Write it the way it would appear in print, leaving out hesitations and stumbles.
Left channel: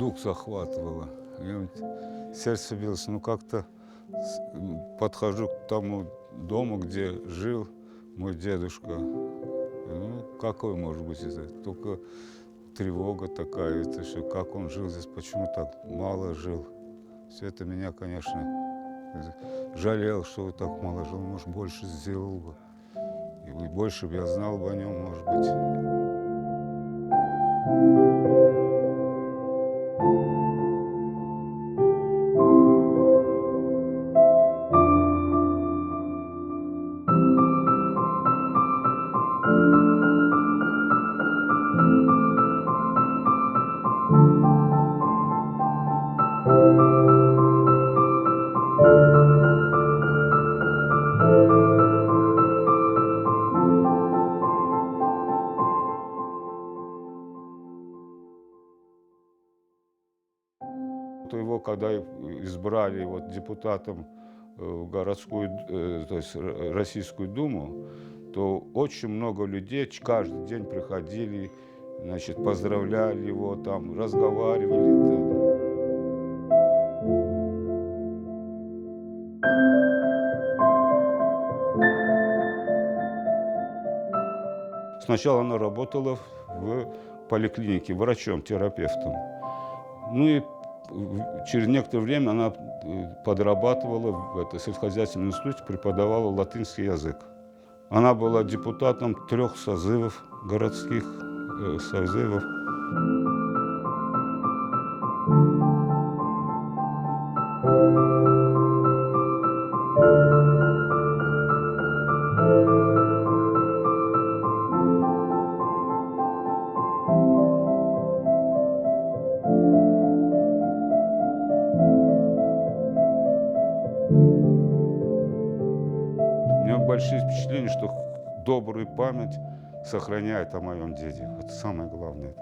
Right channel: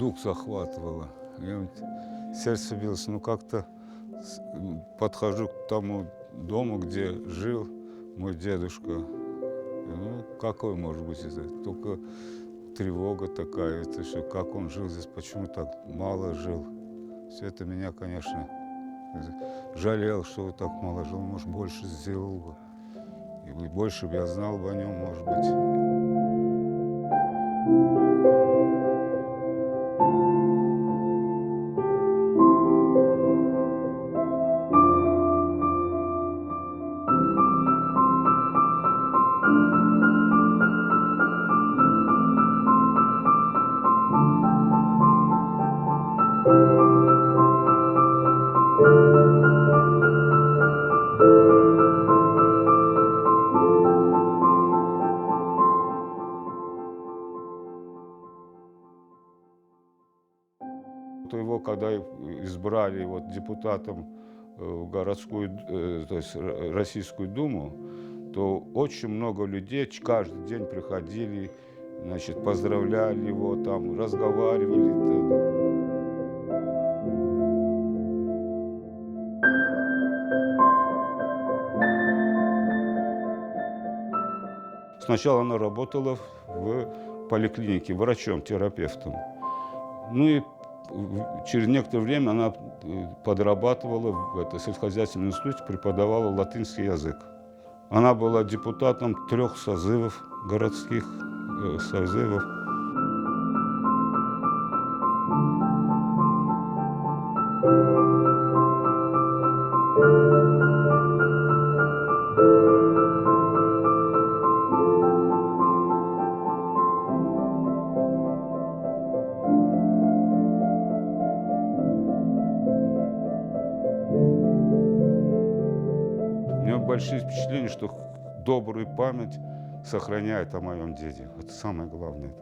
дух захватывало. И вот сердце билось, ну как-то подхожу к тому дому, где жил мой дедушка. Ну, какой может быть это? Только тревога такая, это что, как он жил здесь, почему так мало жил. Все это меня, конечно, жалел, что он так мало жил, может, больше сделал бы. И больше бы я знал бы о нем, может быть. Его, когда избрали вот депутатом в городскую, то есть Российскую Думу, то очень много людей каждый день приходили, значит, поздравляли его, там, разговаривали. Там. Сначала она работала в поликлинике врачом-терапевтом. Ну и через некоторое время она подрабатывала в сельскохозяйственном институте, преподавала латинский язык. Она была депутатом 3 созывов городских созывов. У меня большие впечатления, что добрую память сохраняет о моем деде. Это самое главное.